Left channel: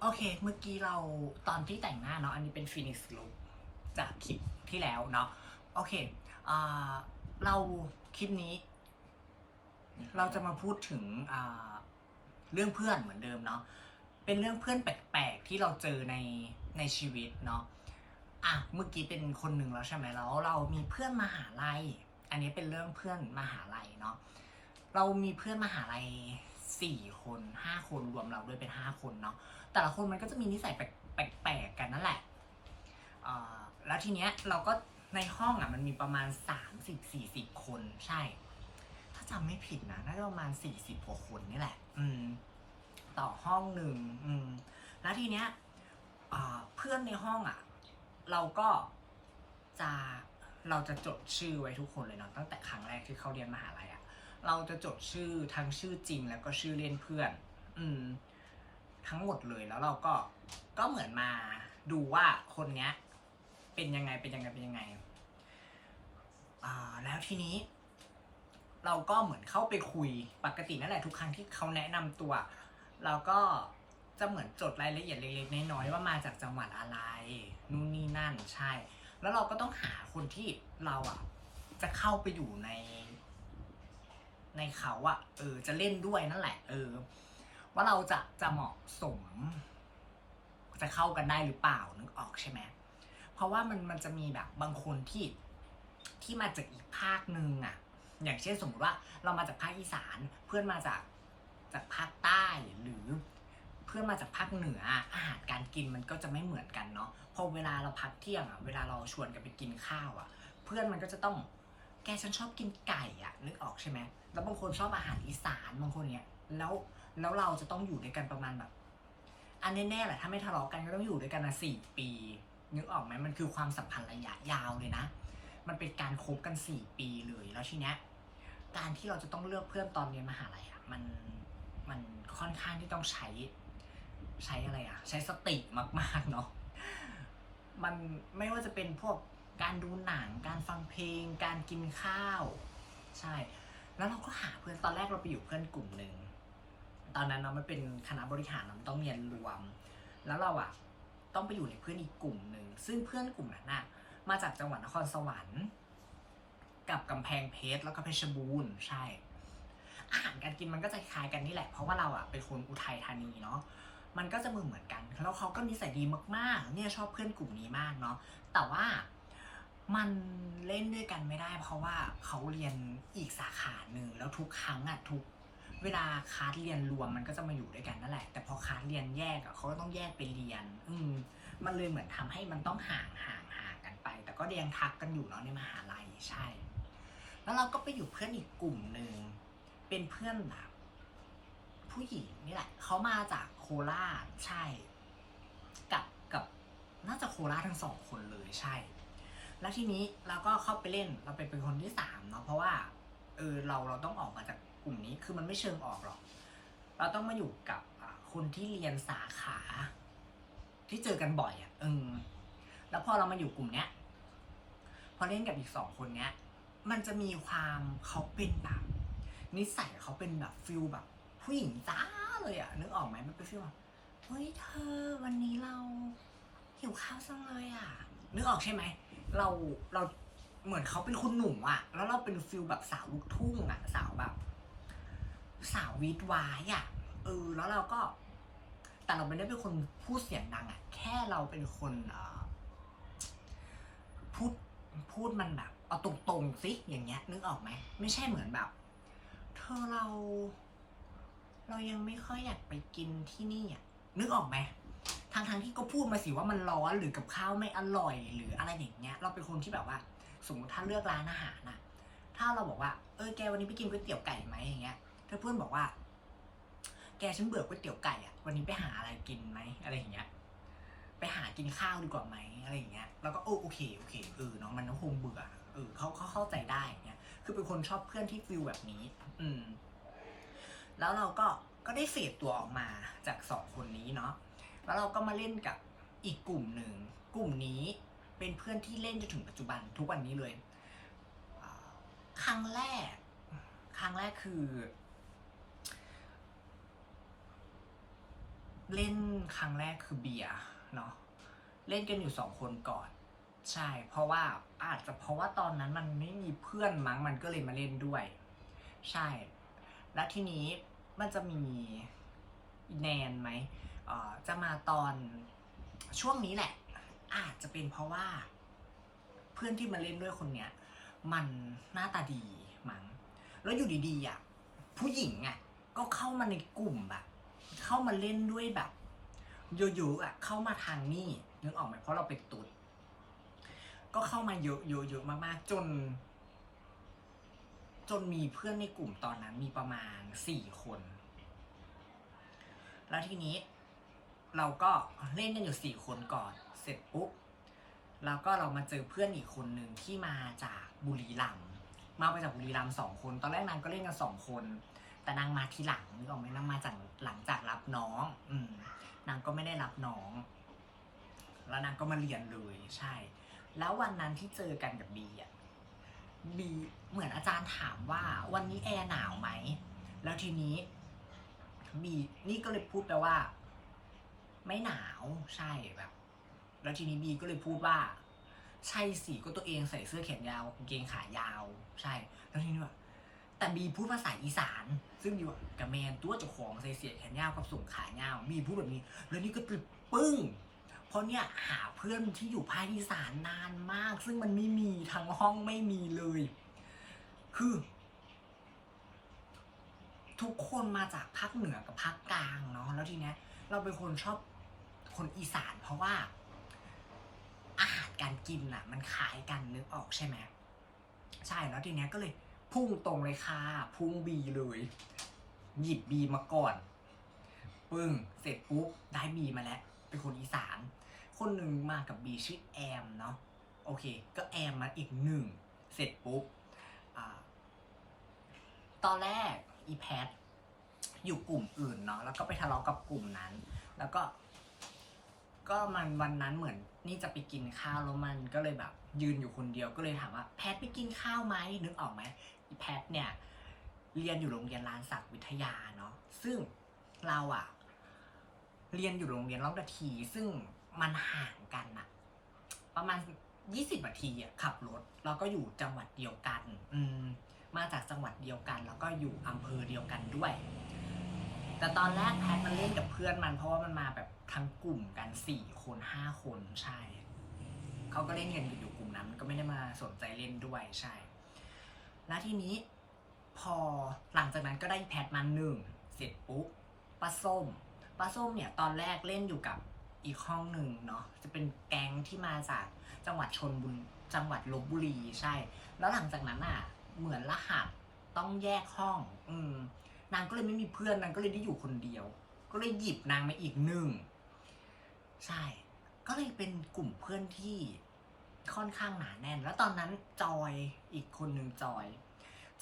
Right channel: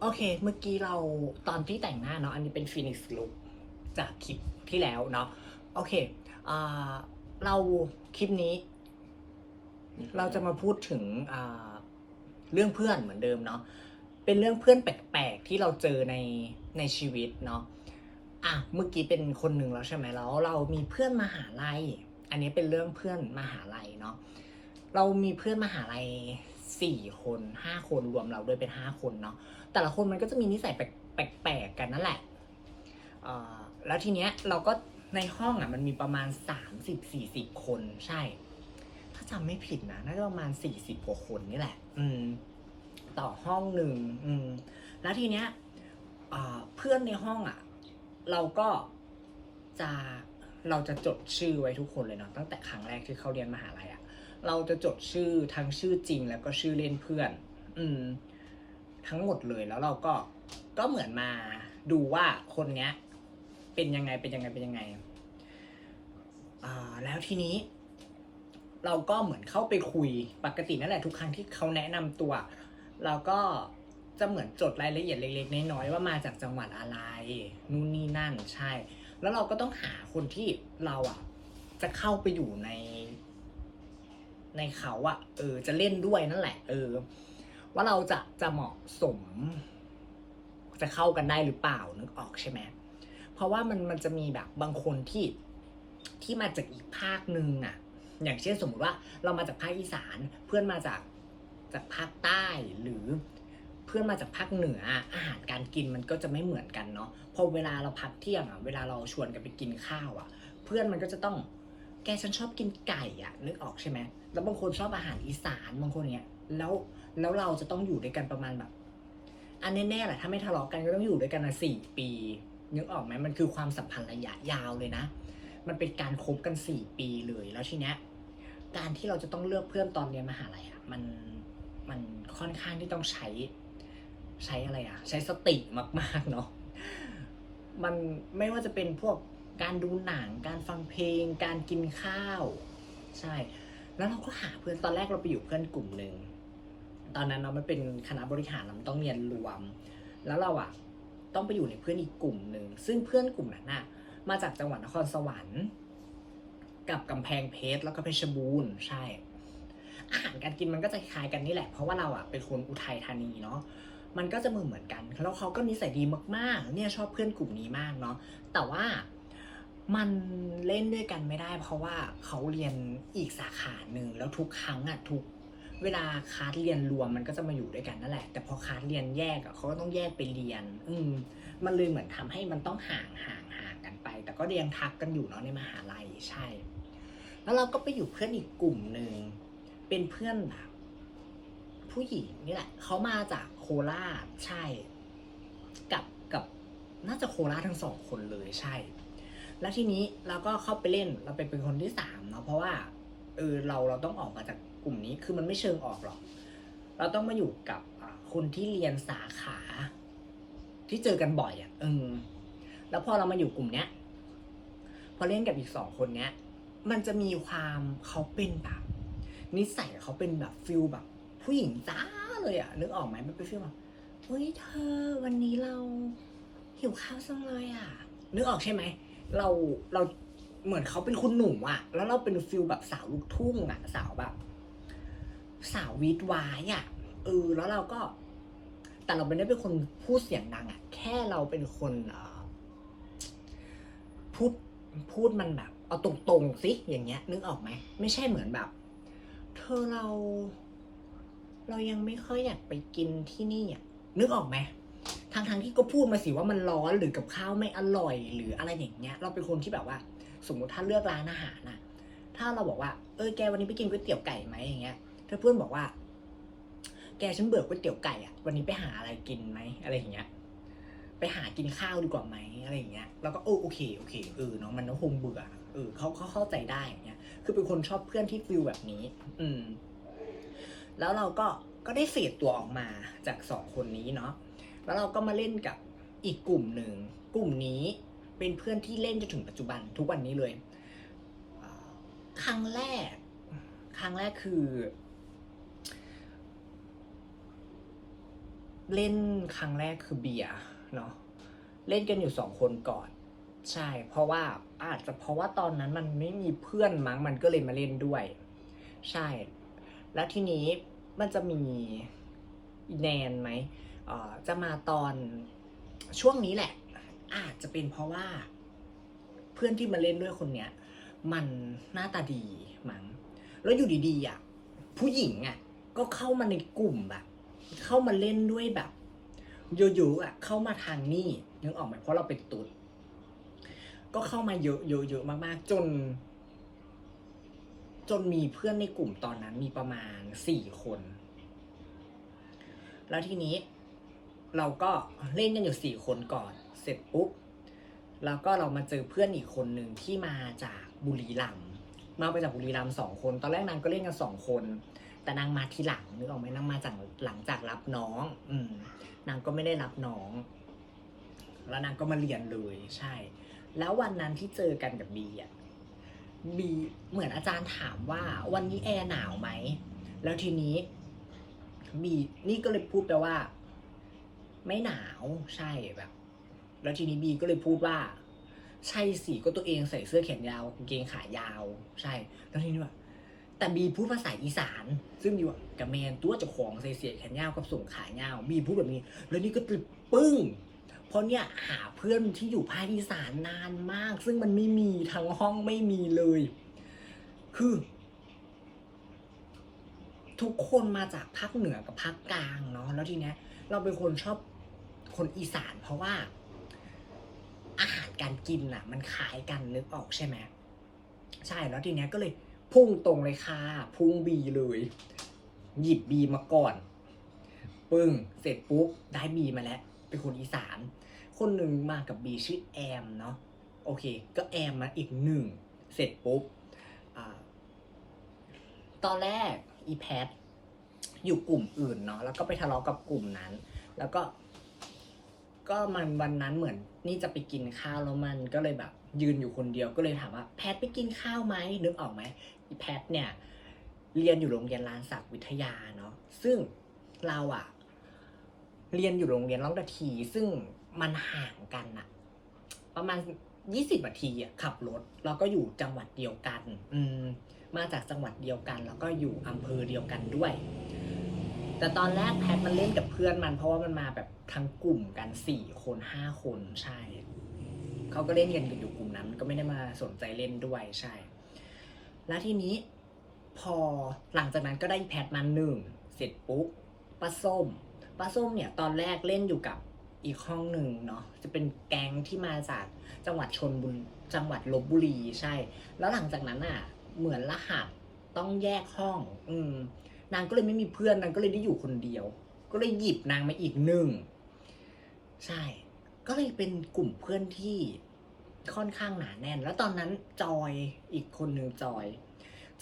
โอเค เมื่อกี้เราตอนที่แต่งหน้าเนาะ อันนี้เป็นฟินิกซ์ลุคจากคลิปที่แล้วเนาะ โอเคเราคลิปนี้ เราจะมาพูดถึงเรื่องเพื่อนเหมือนเดิมเนาะ เป็นเรื่องเพื่อนแปลกๆ ที่เราเจอในในชีวิตเนาะ อะ เมื่อกี้เป็นคนหนึ่งแล้วใช่ไหมแล้ว เรามีเพื่อนมหาลัย อันนี้เป็นเรื่องเพื่อนมหาลัยเนาะ เรามีเพื่อนมหาลัย สี่คนห้าคนรวมเราด้วยเป็นห้าคนเนาะแต่ละคนมันก็จะมีนิสัยแปลกๆกันนั่นแหละแล้วทีเนี้ยเราก็ในห้องอะมันมีประมาณสามสิบสี่สิบคนใช่ ถ้าจำไม่ผิดนะน่าจะประมาณสี่สิบกว่าคนนี่แหละ อืม ต่อห้องหนึ่งอืม แล้วทีเนี้ยเพื่อนในห้องอะ เราก็จะเราจะจดชื่อไว้ทุกคนเลยเนาะตั้งแต่ครั้งแรกที่เขาเรียนมหาลัยอะ เราจะจดชื่อทั้งชื่อจริงแล้วก็ชื่อเล่นเพื่อน อืม ทั้งหมดเลยแล้วเราก็ก็เหมือนมาดูว่าคนเนี้ย เป็นยังไงเป็นยังไงเป็นยังไงอ่าแล้วทีนี้ เราก็เหมือนเข้าไปคุยปกตินั่นแหละทุกครั้งที่เขาแนะนำตัว เราก็จะเหมือนจดรายละเอียดเล็กๆน้อยๆว่ามาจากจังหวัดอะไรนู่นนี่นั่นใช่ แล้วเราก็ต้องหาคนที่เราอะ จะเข้าไปอยู่ใน ในเขาอะเออ จะเล่นด้วยนั่นแหละ เออ ว่าเราจะจะเหมาะสม จะเข้ากันได้หรือเปล่านึกออกใช่ไหมเพราะว่ามันมันจะมีแบบบางคนที่ที่มาจากอีกภาคหนึ่งอะอย่างเช่นสมมติว่าเรามาจากภาคอีสานเพื่อนมาจากจากภาคใต้หรือเพื่อนมาจากภาคเหนืออาหารการกินมันก็จะไม่เหมือนกันเนาะพอเวลาเราพักเที่ยงอะเวลาเราชวนกันไปกินข้าวอะ เพื่อนมันก็จะต้องแกฉันชอบกินไก่อะนึกออกใช่ไหมแล้วบางคนชอบอาหารอีสานบางคนเนี้ยแล้วแล้วเราจะต้องอยู่ด้วยกันประมาณแบบ อันแน่ๆแหละถ้าไม่ทะเลาะกันก็ต้องอยู่ด้วยกันนะสี่ปีนึกออกไหมมันคือความสัมพันธ์ระยะยาวเลยนะ มันเป็นการคบกันสี่ปีเลยแล้วทีเนี้ยการที่เราจะต้องเลือกเพื่อนตอนเรียนมหาลัยอะมันมันค่อนข้างที่ต้องใช้ใช้อะไรอะใช้สติมากๆเนาะมันไม่ว่าจะเป็นพวกการดูหนัง การฟังเพลง การกินข้าว ใช่ แล้วเราก็หาเพื่อนตอนแรกเราไปอยู่เพื่อนกลุ่มหนึ่งตอนนั้นเราไม่เป็นคณะบริหารเราต้องเรียนรวม แล้วเราอะต้องไปอยู่ในเพื่อนอีกกลุ่มหนึ่งซึ่งเพื่อนกลุ่มนั้นน่ะมาจากจังหวัดนครสวรรค์กับกำแพงเพชรแล้วก็เพชรบูรณ์ใช่ อาหารการกินมันก็จะคล้ายกันนี่แหละ เพราะว่าเราอะเป็นคนอุทัยธานีเนาะมันก็จะมือเหมือนกัน แล้วเขาก็นิสัยดีมากๆ เนี่ยชอบเพื่อนกลุ่มนี้มากเนาะแต่ว่า มันเล่นด้วยกันไม่ได้ เพราะว่าเขาเรียนอีกสาขาหนึ่งแล้วทุกครั้งอะทุกเวลาคาสเรียนรวมมันก็จะมาอยู่ด้วยกันนั่นแหละ แต่พอคาสเรียนแยกอะเขาก็ต้องแยกไปเรียน อืมมันเลยเหมือนทำให้มันต้องห่างห่างห่างกันไป แต่ก็เรียงทักกันอยู่เนาะในมหาลัยใช่ แล้วเราก็ไปอยู่เพื่อนอีกกลุ่มหนึ่งเป็นเพื่อนแบบผู้หญิงนี่แหละเขามาจากโคราชใช่ กับกับน่าจะโคราชทั้งสองคนเลยใช่ แล้วทีนี้เราก็เข้าไปเล่นเราไปเป็นคนที่สามเนาะเพราะว่าเออเราเราต้องออกมาจากกลุ่มนี้คือมันไม่เชิงออกหรอก เราต้องมาอยู่กับคนที่เรียนสาขา ที่เจอกันบ่อยอะ่ะเออแล้วพอเรามาอยู่กลุ่มเนี้ย พอเล่นกับอีกสองคนเนี้ย มันจะมีความเขาเป็นแบบนิสัยเขาเป็นแบบฟิลแบบ ผู้หญิงจ้าเลยอะนึกออกไหมมันเป็นฟิลแบบเฮ้ยเธอ วันนี้เราหิวข้าวจังเลยอะนึกออกใช่ไหม เราเราเหมือนเขาเป็นคุณหนุ่มอะแล้วเราเป็นฟิลแบบสาวลูกทุ่งอะสาวแบบ สาววีดวายอะเออแล้วเราก็ แต่เราไม่ได้เป็นคนพูดเสียงดังอะแค่เราเป็นคนเออพูดพูดมันแบบ เอาตรงๆสิอย่างเงี้ย นึกออกไหมไม่ใช่เหมือนแบบ เธอเรา เรายังไม่ค่อยอยากไปกินที่นี่อะนึกออกไหม ทางทางๆที่ก็พูดมาสิว่ามันร้อนหรือกับข้าวไม่อร่อย หรืออะไรอย่างเงี้ย เราเป็นคนที่แบบว่า สมมติถ้าเลือกร้านอาหารน่ะถ้าเราบอกว่า เออแกวันนี้ไปกินก๋วยเตี๋ยวไก่ไหมอย่างเงี้ยถ้าเพื่อนบอกว่า แกฉันเบื่อก๋วยเตี๋ยวไก่อะวันนี้ไปหาอะไรกินไหมอะไรอย่างเงี้ย ไปหากินข้าวดีกว่าไหมอะไรอย่างเงี้ย แล้วก็โอ้โอเคโอเคเออเนาะมันก็คงเบื่อเออเขาเขาเข้าใจได้อย่างเงี้ย คือเป็นคนชอบเพื่อนที่ฟิลแบบนี้ อืม แล้วเราก็ก็ได้เฟดตัวออกมาจากสองคนนี้เนาะ แล้วเราก็มาเล่นกับอีกกลุ่มหนึ่ง กลุ่มนี้เป็นเพื่อนที่เล่นจนถึงปัจจุบันทุกวันนี้เลย ครั้งแรก ครั้งแรกคือ เล่นครั้งแรกคือเบียร์เนาะ เล่นกันอยู่สองคนก่อน ใช่ เพราะว่าอาจจะเพราะว่าตอนนั้นมันไม่มีเพื่อนมั้ง มันก็เลยมาเล่นด้วย ใช่ แล้วทีนี้มันจะมีแนนไหม จะมาตอนช่วงนี้แหละ อาจจะเป็นเพราะว่า เพื่อนที่มาเล่นด้วยคนเนี้ยมันหน้าตาดีมั้งแล้วอยู่ดีๆอะผู้หญิงอะก็เข้ามาในกลุ่มแบบ เข้ามาเล่นด้วยแบบเยอะๆอะเข้ามาทางนี่นึกออกไหมเพราะเราเป็นตุ๊ดก็เข้ามาเยอะๆเยอะมาก ๆ จน จนมีเพื่อนในกลุ่มตอนนั้นมีประมาณสี่คน แล้วทีนี้ เราก็เล่นกันอยู่สี่คนก่อน เสร็จปุ๊บแล้วก็เรามาเจอเพื่อนอีกคนหนึ่งที่มาจากบุรีรัมย์มาไปจากบุรีรัมย์สองคน ตอนแรกนางก็เล่นกันสองคน แต่นางมาทีหลังนึกออกไหมนางมาจากหลังจากรับน้อง อืมนางก็ไม่ได้รับน้อง แล้วนางก็มาเรียนเลยใช่ แล้ววันนั้นที่เจอกันกับบีอะบีเหมือนอาจารย์ถามว่า วันนี้แอร์หนาวไหมแล้วทีนี้บีนี่ก็เลยพูดไปว่า ไม่หนาวใช่แบบ แล้วทีนี้บีก็เลยพูดว่า ใช่สิก็ตัวเองใส่เสื้อแขนยาวกางเกงขายาว ใช่ แล้วทีนี้ว่าแต่บีพูดภาษาอีสาน ซึ่งบีว่ากับแมนตัวเจ้าของใส่เสื้อแขนยาวกับส่งขายาวบีพูดแบบนี้ แล้วนี่ก็ตึกปึ้งเพราะเนี่ยหาเพื่อนที่อยู่ภาคอีสานนานมาก ซึ่งมันไม่มีทั้งห้องไม่มีเลย คือ ทุกคนมาจากภาคเหนือกับภาคกลางเนาะแล้วทีเนี้ยเราเป็นคนชอบ คนอีสานเพราะว่า อาหารการกินน่ะ มันคลายกันนึกออกใช่ไหมใช่แล้วทีเนี้ยก็เลยพุ่งตรงเลยค่ะ พุ่งบีเลย หยิบบีมาก่อน ปึ้ง เสร็จปุ๊บ ได้บีมาแล้ว เป็นคนอีสาน คนหนึ่งมากับบีชื่อแอมเนาะโอเค ก็แอมมาอีกหนึ่ง เสร็จปุ๊บอตอนแรกอีแพทอยู่กลุ่มอื่นเนาะแล้วก็ไปทะเลาะกับกลุ่มนั้น แล้วก็ ก็มันวันนั้นเหมือน นี่จะไปกินข้าวแล้วมันก็เลยแบบ ยืนอยู่คนเดียวก็เลยถามว่าแพทไปกินข้าวไหมนึกออกไหมอีแพทเนี่ย เรียนอยู่โรงเรียนลานศักดิ์วิทยาเนาะซึ่งเราอะเรียนอยู่โรงเรียนล่องตะที ซึ่งมันห่างกันอะประมาณยี่สิบนาทีอะขับรถแล้วก็อยู่จังหวัดเดียวกัน อืมมาจากจังหวัดเดียวกัน แล้วก็อยู่อำเภอเดียวกันด้วย แต่ตอนแรกแพทมันเล่นกับเพื่อนมัน เพราะว่ามันมาแบบทั้งกลุ่มกันสี่คนห้าคนใช่ เขาก็เล่นกันอยู่กลุ่มนั้น ก็ไม่ได้มาสนใจเล่นด้วยใช่ แล้วทีนี้พอหลังจากนั้นก็ได้แพทมาหนึ่งเสร็จปุ๊บป้าส้มป้าส้มเนี่ยตอนแรกเล่นอยู่กับอีกห้องหนึ่งเนาะจะเป็นแก๊งที่มาจากจังหวัดชนบุรีจังหวัดลบบุรีใช่ แล้วหลังจากนั้นอะ เหมือนรหัสต้องแยกห้อง อืม นางก็เลยไม่มีเพื่อนนางก็เลยได้อยู่คนเดียว ก็เลยหยิบนางมาอีกหนึ่งใช่ ก็เลยเป็นกลุ่มเพื่อนที่ค่อนข้างหนาแน่น แล้วตอนนั้นจอยอีกคนหนึ่งจอย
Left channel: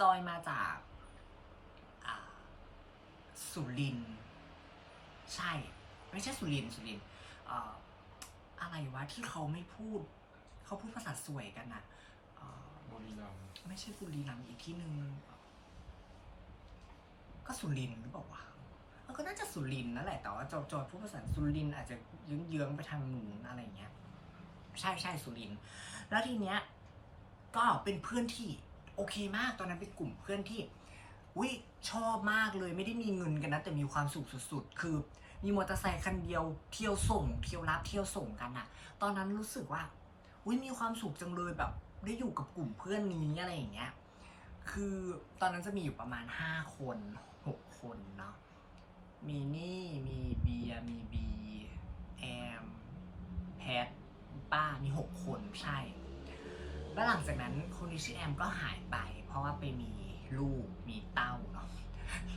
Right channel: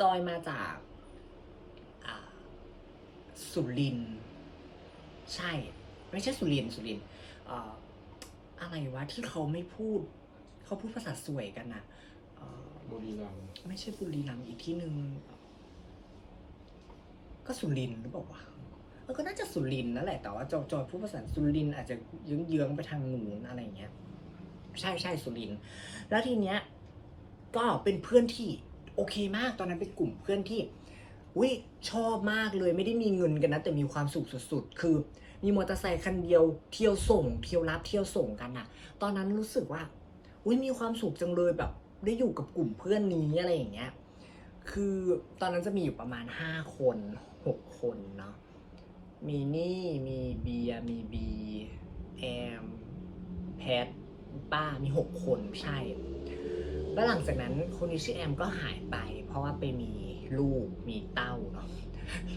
จอยมาจากอ่าสุรินทร์ใช่ ไม่ใช่สุรินทร์สุรินทร์อ่าอะไรวะที่เขาไม่พูด เขาพูดภาษาสวยกันนะอ่าบุรีรัมย์ไม่ใช่บุรีรัมย์อีกที่หนึ่ง ก็สุรินหรือเปล่าวะเออก็น่าจะสุรินนั่นแหละแต่ว่าจอยจอยพูดภาษาสุรินอาจจะเยื้องๆไปทางหนูนอะไรอย่างเงี้ย ใช่ใช่สุรินแล้วทีเนี้ยก็เป็นเพื่อนที่โอเคมากตอนนั้นเป็นกลุ่มเพื่อนที่วิชอบมากเลยไม่ได้มีเงินกันนะ แต่มีความสุขสุด ๆ คือ มีมอเตอร์ไซค์คันเดียวเที่ยวส่ง เที่ยวรับเที่ยวส่งกันอะตอนนั้นรู้สึกว่าอุ้ยมีความสุขจังเลยแบบ ได้อยู่กับกลุ่มเพื่อนนี้อะไรอย่างเงี้ยคือตอนนั้นจะมีอยู่ประมาณห้าคน คนเนาะมีนี่มีเบียมีบีแอมแพทป้ามีหกคนใช่ แล้วหลังจากนั้นคนที่ชื่อแอมก็หายไป เพราะว่าไปมีลูกมีเต้าเนาะ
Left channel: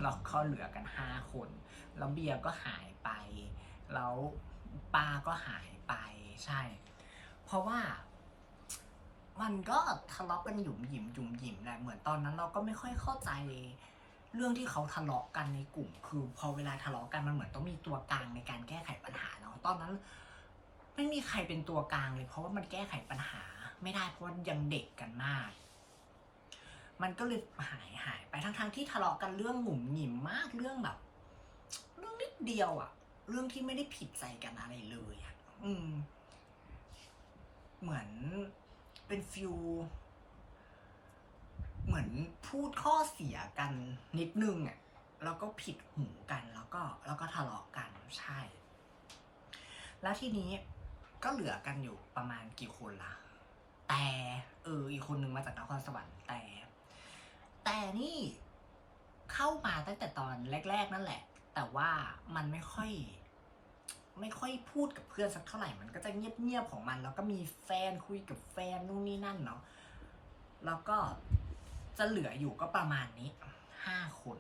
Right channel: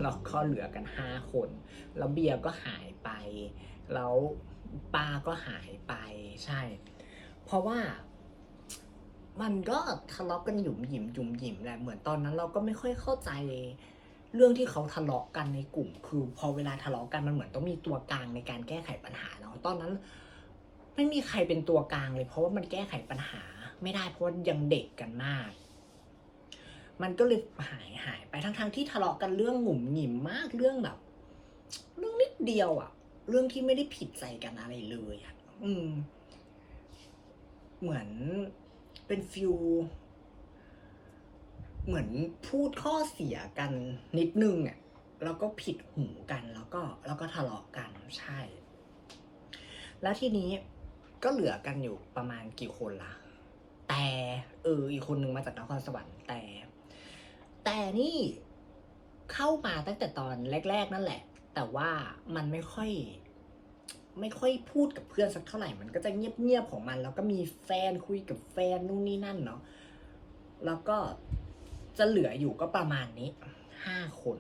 แล้วก็เหลือกันห้าคน แล้วเบียก็หายไป แล้วป้าก็หายไปใช่ เพราะว่ามันก็ทะเลาะกันหยุมหยิมหยุมหยิมแหละเหมือนตอนนั้นเราก็ไม่ค่อยเข้าใจ เรื่องที่เขาทะเลาะกันในกลุ่ม คือพอเวลาทะเลาะกันมันเหมือนต้องมีตัวกลางในการแก้ไขปัญหาเนาะตอนนั้นไม่มีใครเป็นตัวกลางเลย เพราะว่ามันแก้ไขปัญหา ไม่ได้เพราะายังเด็กกันมาก มันก็เลยหายหายไปทั้งๆที่ทะเลาะกันเรื่องหงุ่มหงิมมากเรื่องแบบ เรื่องนิดเดียวอะ่ะเรื่องที่ไม่ได้ผิดใจกันอะไรเลยอะอืม เหมือนเป็นฟิล เหมือนพูดข้อเสียกันนิดนึงอะแล้วก็ผิดหูกันแล้วก็แล้วก็ทะเลาะกันใช่ แล้วทีนี้ก็เหลือกันอยู่ประมาณกี่คนล่ะแต่เอออีกคนนึงมาจากนครสวรรค์แต่ แต่นี่เข้ามาตั้งแต่ตอนแรก ๆ นั่นแหละ แต่ว่ามันไม่ค่อย ไม่ค่อยพูดกับเพื่อนสักเท่าไหร่มันก็จะเงียบๆของมัน แล้วก็มีแฟนคุยกับแฟนนู่นนี่นั่นเนาะแล้วก็ จะเหลืออยู่ก็ประมาณนี้ห้าคน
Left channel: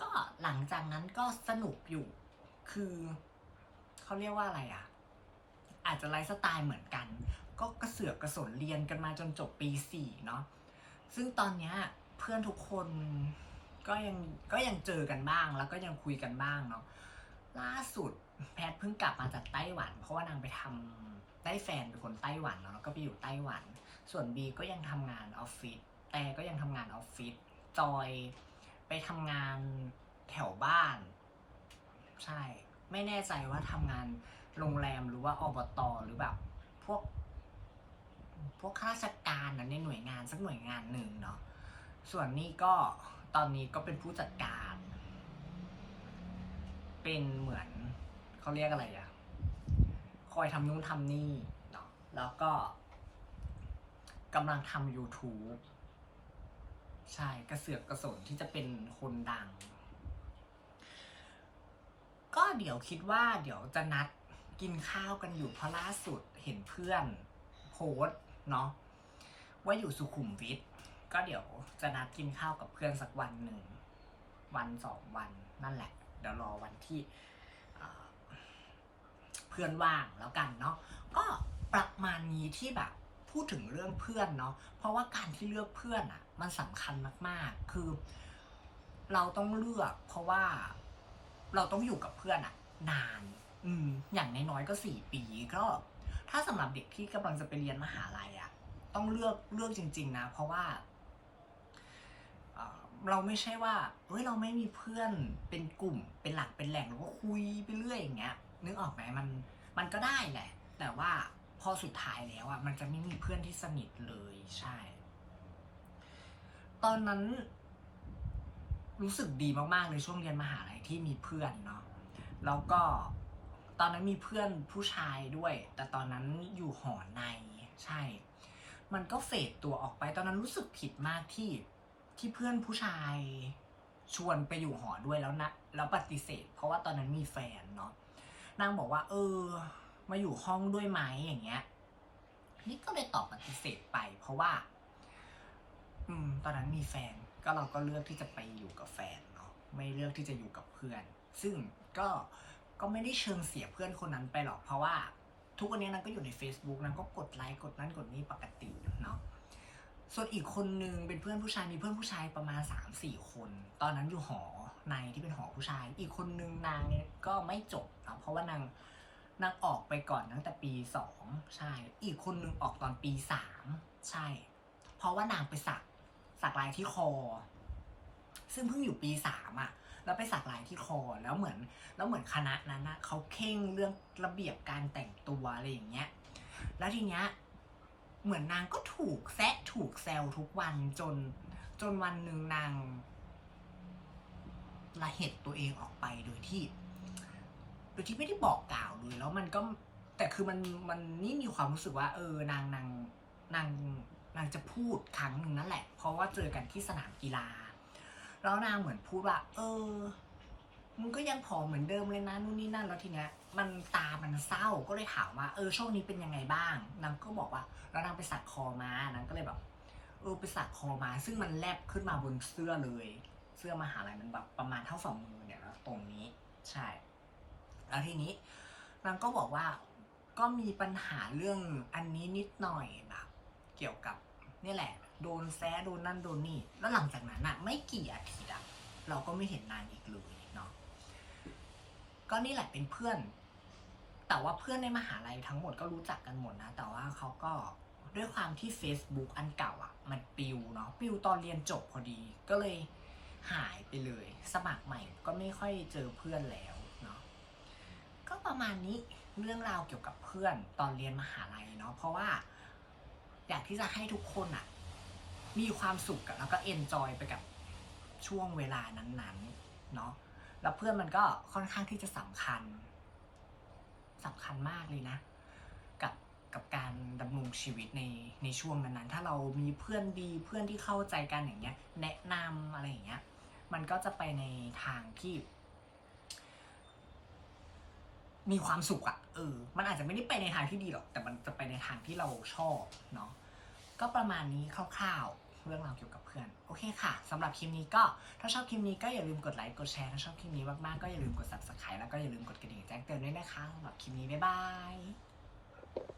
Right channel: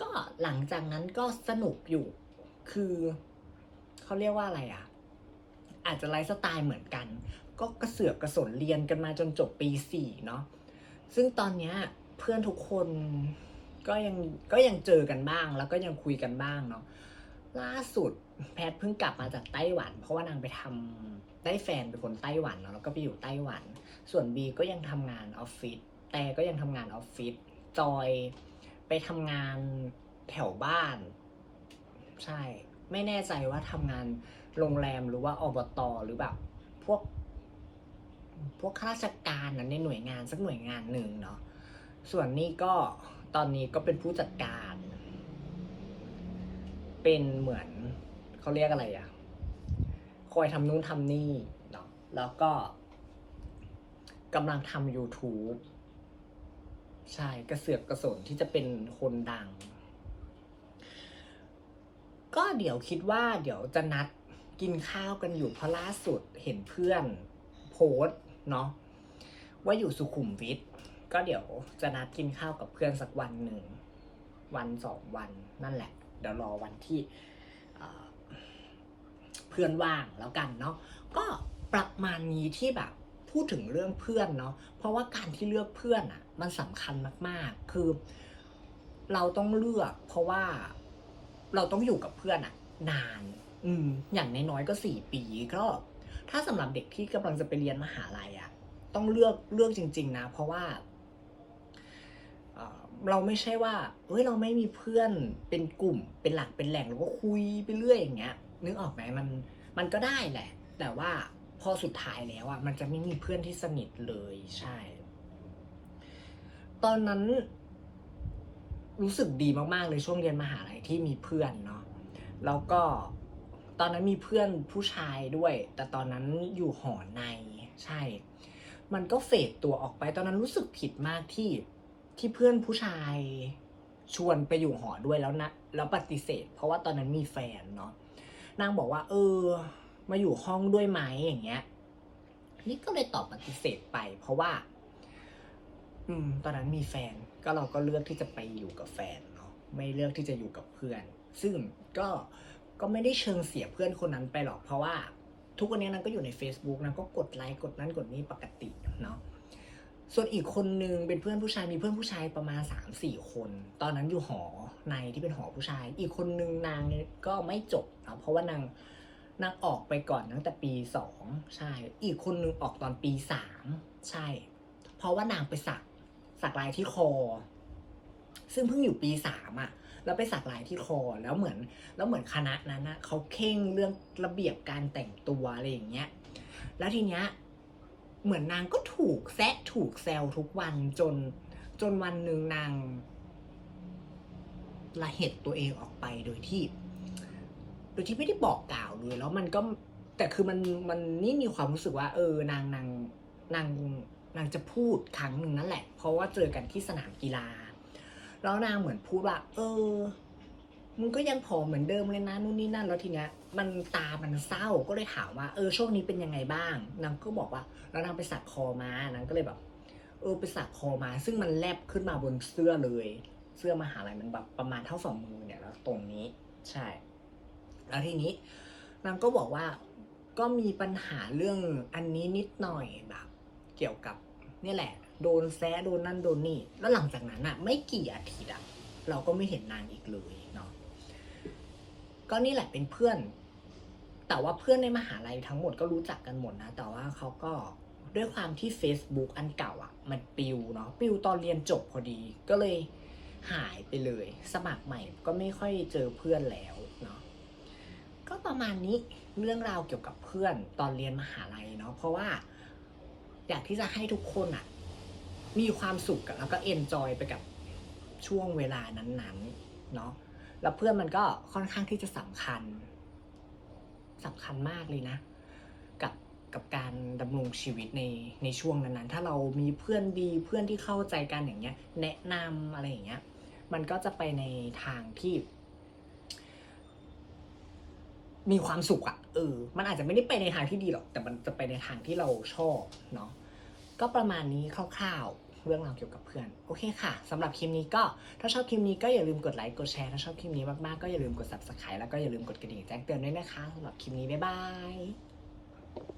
ก็หลังจากนั้นก็สนุกอยู่ คือเขาเรียกว่าอะไรอะอาจจะไลฟ์สไตล์เหมือนกัน ก็กระเสือกกระสนเรียนกันมาจนจบปีสี่เนาะซึ่งตอนเนี้ยเพื่อนทุกคนก็ยังก็ยังเจอกันบ้างแล้วก็ยังคุยกันบ้างเนาะล่าสุดแพทเพิ่งกลับมาจากไต้หวัน เพราะว่านางไปทำได้แฟนเป็นคนไต้หวันเนาะแล้วก็ไปอยู่ไต้หวัน ส่วนบีก็ยังทำงานออฟฟิศ แต่ก็ยังทำงานออฟฟิศจอยไปทำงานแถวบ้าน ใช่ ไม่แน่ใจว่าทำงานโรงแรมหรือว่าอบตหรือแบบพวก พวกข้าราชการนะในหน่วยงานสักหน่วยงานหนึ่งเนาะส่วนนี้ก็ตอนนี้ก็เป็นผู้จัดการ เป็นเหมือนเขาเรียกอะไรอะคอยทำนู่นทำนี่เนาะแล้วก็กำลังทำ YouTube ใช่กระเสือกกระสนที่จะเป็นคนดัง ก็เดี๋ยวคิดว่าเดี๋ยวจะนัดกินข้าวกันอยู่เพราะล่าสุดเห็นเพื่อนโพสเนาะว่าอยู่สุขุมวิทก็เดี๋ยวจะนัดกินข้าวกับเพื่อนสักวันหนึ่ง วันสองวันนั่นแหละ เดี๋ยวรอวันที่เเพื่อนว่างแล้วกันเนาะก็ประมาณนี้ที่แบบพูดถึงเรื่องเพื่อนเนาะเพราะว่าการที่เลือกเพื่อนอะ่ะ มันสำคัญมากๆ คือ เราต้องเลือก เพราะว่าเราต้องอยู่กับเพื่อนอะนาน อืม อย่างน้อยๆก็สี่ปีก็ ถ้าสำหรับเด็กที่กำลังจะไปเรียนมหาลัยอะต้องเลือกเลือกจริง ๆ นะ เพราะว่าเอ่อเราไม่ใช่ว่าเฮ้ยเราไม่มีเพื่อนเป็นกลุ่มเป็นหลักเป็นแหล่งเราก็คุยไปเรื่อยอย่างเงี้ย นึกออกไหมมันมันก็ได้แหละ แต่ว่าพอสุดท้ายแล้วอะมันจะไม่มีเพื่อนที่สนิทเลยใช่ ตอนนั้น รู้สึกดีมากๆเลยช่วงเรียนมหาลัยที่มีเพื่อนเนาะแล้วก็ตอนนั้นมีเพื่อนผู้ชายด้วย แต่ตอนนั้นอยู่หอในใช่ มันก็เฟดตัวออกไป ตอนนั้นรู้สึกผิดมากที่ที่เพื่อนผู้ชายชวนไปอยู่หอด้วยแล้วนะแล้วปฏิเสธ เพราะว่าตอนนั้นมีแฟนเนาะนางบอกว่า เออ มาอยู่ห้องด้วยไหมอย่างเงี้ย นี่ก็เลยตอบปฏิเสธไป เพราะว่า อืม ตอนนั้นมีแฟน ก็เราก็เลือกที่จะไปอยู่กับแฟนเนาะ ไม่เลือกที่จะอยู่กับเพื่อน ซึ่งก็ ก็ไม่ได้เชิงเสียเพื่อนคนนั้นไปหรอก เพราะว่า ทุกวันนี้นางก็อยู่ใน Facebook นางก็กดไลค์กดนั้นกดนี้ปกติเนาะ ส่วนอีกคนนึงเป็นเพื่อนผู้ชาย มีเพื่อนผู้ชายประมาณสามสี่คน ตอนนั้นอยู่หอในที่เป็นหอผู้ชาย อีกคนนึงนางก็ไม่จบนะเพราะว่านางนางออกไปก่อนตั้งแต่ปีสองใช่ อีกคนนึงออกตอนปีสามใช่ เพราะว่านางไปสัก สักลายที่คอ ซึ่งเพิ่งอยู่ปีสามอะแล้วไปสักลายที่คอแล้วเหมือน แล้วเหมือนคณะนั้นนะเขาเข่งเรื่องระเบียบการแต่งตัวอะไรอย่างเงี้ย แล้วทีเนี้ยเหมือนนางก็ถูกแซะถูกแซวทุกวันจนจนวันหนึ่งนางละเหตุตัวเองออกไปโดยที่ โดยที่ไม่ได้บอกกล่าวเลย แล้วมันก็แต่คือมันมันนี่มีความรู้สึกว่า เออนางนางนาง นางจะพูดครั้งหนึ่งนั่นแหละ เพราะว่าเจอกันที่สนามกีฬา แล้วนางเหมือนพูดว่า เออมึงก็ยังผอมเหมือนเดิมเลยนะนู่นนี่นั่นแล้วทีเนี้ยมันตามันเศร้าก็เลยถามว่าเออช่วงนี้เป็นยังไงบ้างนางก็บอกว่าแล้วนางไปสักคอมานางก็เลยแบบ เออไปสักคอมา ซึ่งมันแลบขึ้นมาบนเสื้อเลย เสื้อมหาลัยมันแบบประมาณเท่าฝ่ามือเนี่ยแล้วตรงนี้ใช่ แล้วทีนี้นางก็บอกว่าก็มีปัญหาเรื่องอันนี้นิดหน่อยแบบ เกี่ยวกับนี่แหละ โดนแซะโดนนั่นโดนนี่ แล้วหลังจากนั้นอะไม่กี่อาทิตย์อะเราก็ไม่เห็นนางอีกเลยเนาะก็นี่แหละเป็นเพื่อน แต่ว่าเพื่อนในมหาลัยทั้งหมดก็รู้จักกันหมดนะ แต่ว่าเขาก็ด้วยความที่ Facebook อันเก่าอะ มันปิวเนาะปิวตอนเรียนจบพอดี ก็เลยหายไปเลย สมัครใหม่ก็ไม่ค่อยเจอเพื่อนแล้วเนาะก็ประมาณนี้เรื่องราวเกี่ยวกับเพื่อนตอนเรียนมหาลัยเนาะเพราะว่า อยากที่จะให้ทุกคนอะมีความสุขแล้วก็เอนจอยไปกับช่วงเวลานั้นๆ เนาะแล้วเพื่อนมันก็ค่อนข้างที่จะสำคัญสำคัญมากเลยนะ กับกับการดำรงชีวิตในในช่วงนั้นๆ ถ้าเรามีเพื่อนดีเพื่อนที่เข้าใจกันอย่างเงี้ย แนะนำอะไรอย่างเงี้ย มันก็จะไปในทางที่ มีความสุขอะเออ มันอาจจะไม่ได้ไปในทางที่ดีหรอก แต่มันจะไปในทางที่เราชอบเนาะ ก็ประมาณนี้คร่าวๆ เรื่องราวเกี่ยวกับเพื่อน โอเคค่ะสำหรับคลิปนี้ก็ถ้าชอบคลิปนี้ก็อย่าลืมกดไลค์กดแชร์ถ้าชอบคลิปนี้มากๆก็อย่าลืมกด subscribe แล้วก็อย่าลืมกดกระดิ่งแจ้งเตือนด้วยนะคะสำหรับคลิปนี้บ๊ายบาย